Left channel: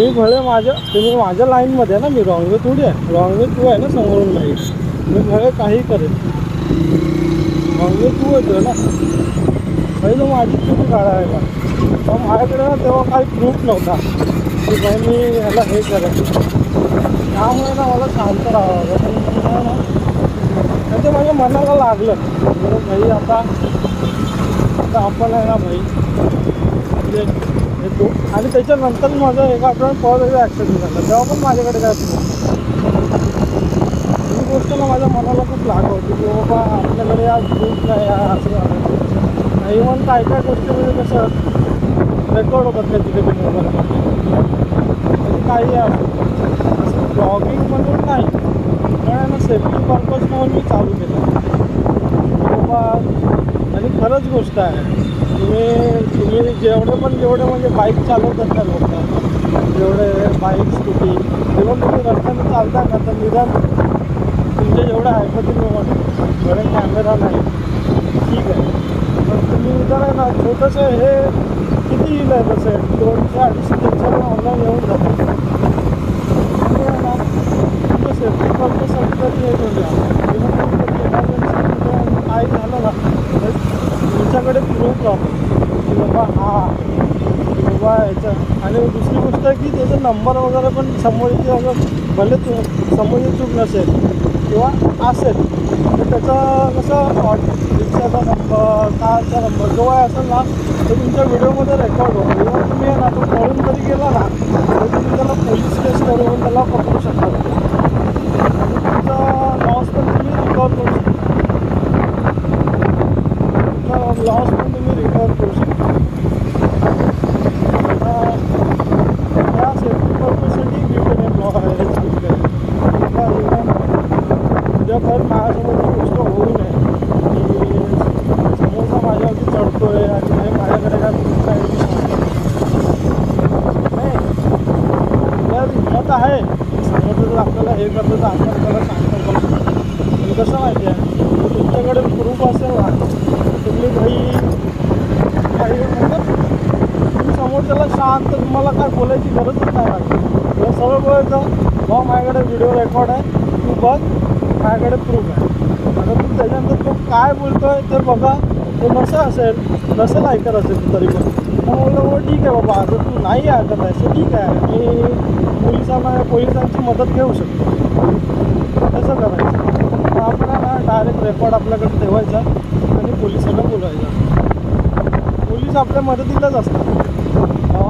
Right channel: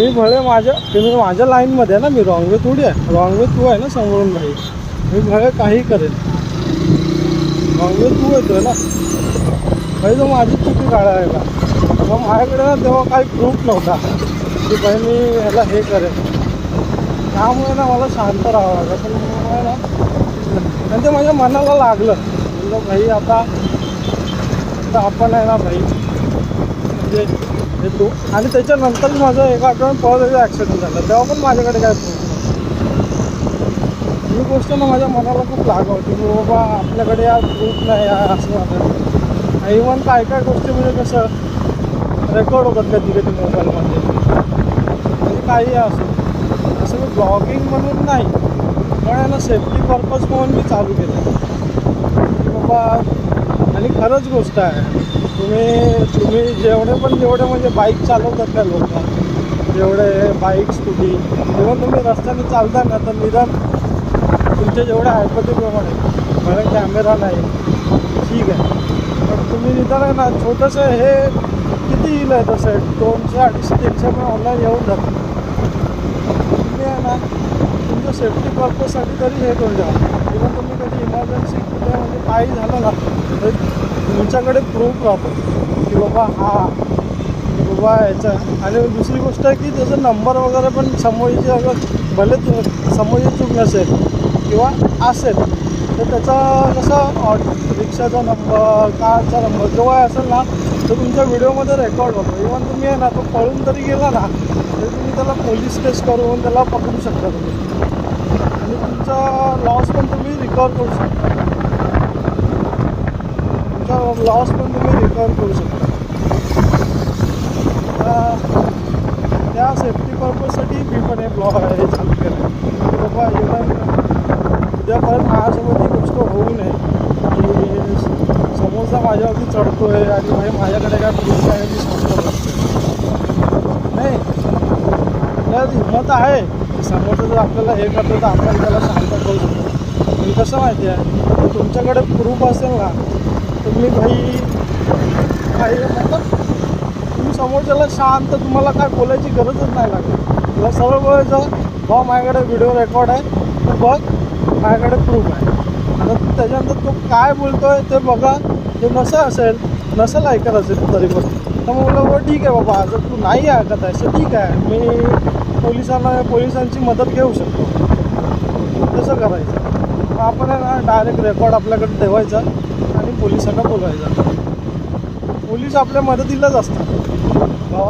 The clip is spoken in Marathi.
मी भले तुम्ही माझ्या लाईनमध्ये आहे ना, मी रॉंग वे थोडी आहे. रॉंग वे तू आहे ना समोरून भाई. मी भले काही करेल. रॉंग वे तू येतोय ना भाई, तो माझी चुकी काढा आहे का. मग माझ्याकडे ना तेव्हा काही प्रूफ नव्हता की भाई मी ह्याला हे करेन. त्यामुळे ना मला शांत राहावं लागलं. पण मग ना आणि ते माझ्या मनाला लागलं भाई. आता आपण आहे ना भाई, म्हणजे हे आणि त्याच्यानंतर माझं एका आठवड्यात परत त्याचा ॲक्सिडेंट झाला. तेव्हा पण माझ्याकडे काय प्रूफ नव्हता. ही गोष्ट ना माझ्या मनाला खूप लागवती की बाबा आपल्याकडे या प्रूफ नाही आहे असं झालं. इव्हन काय काय गोष्टी म्हणजे कसं रेकॉर्ड होतात कधी कधी मोबाईलमध्ये, म्हणजे काही असं मी ब्लॉगिंग म्हणून नाही, पण आहे ना सेफ्टी पर्पज म्हणून मी चालू केलं बाबा. आणि खरंच गोष्ट आहे, तुम्ही जेवढे म्हणजे बाईक चालवतात ना लोक, जेवढे बाईक स्कूटी इव्हन तुम्ही रस्त्याने चालता ना, तर निदान तुमच्या जेवढ्या ऐपतीप्रमाणे बरं कॅमेरा नाही ठीक आहे, पण तुम्ही निदान आहे ना छोटंसं हे किती येईल आहे तसं 200, 250, 300 पण ऑनलाईन येऊन जातं. तुम्ही आहे ना तुमच्या सेफ्टी पर्पजसाठी तरी हे करून द्या. इव्हन तुम्ही कधी इमर्जन्सीमध्ये म्हणजे काही झालं ना तर तुमच्याकडे प्रूफ राहतो की बाबा बाबा याचा. आणि दुसरी गोष्ट आहे की त्याचा नंबर वगैरे पण समोरची अगर भले समोरची चूक नसेल किंवा असेल तर त्याचा कसं रिक्षाचा नंबर, कारचा नंबर जेव्हा असेल ना तर तुमच्या व्हिडिओमध्ये रेकॉर्ड होतो. इव्हन तुम्ही आहे ना तो पळून जरी गेला ना तर तुम्ही त्याला पोलीस केस करून त्याला पकडू शकता आणि तुमचा लॉस पण तुम्ही रिकवर करू शकता. त्या सेफ्टी पर्पजसाठी मी पण हे ब्लॉग हे चालू केलं की बाबा इव्हन उद्या परत माझ्यासोबत ही गोष्ट होऊ नये की समोरचा माझ्यावरती चढतो आहे आणि भाई माझ्याकडे काय प्रूफ आहे मी सांगतो नाही. आपल्याला हिंमत आहे की समोरचं जर आपल्याला हे करतो तर आपण त्याला शांत करू शकतो. पण कसं माहिती आहे, तर तुमच्याकडे प्रूफ असेल ना तुम्ही भाई म्हणतात तुम्ही समोरच्याला शांत, तुम्हाला काय बोलायची गरजच नाही लागत. तुला सरळ बोलायचं भाऊ माझ्याकडे व्हिडिओ रेकॉर्ड आहे, तू बघ माझ्याकडे प्रूफ आहे. आता तू त्याच्यानंतर तो काय बोलतो आहे ते बघा. ते नसेल ऐकत असेल तरी पण तर मग बोललं ठीक आहे बाबा, जर तू नाही ऐकत आहे तर ठीक आहे, मी पोलिसांची मदत घेऊ शकतो. तसं करायचं. मग आपण आहे ना डायरेक्ट रेकॉर्ड आपल्याकडे ठेवायचा आणि पोलिसांना बोलवायचा. पोलीस आपल्या मदतीलाच असतात.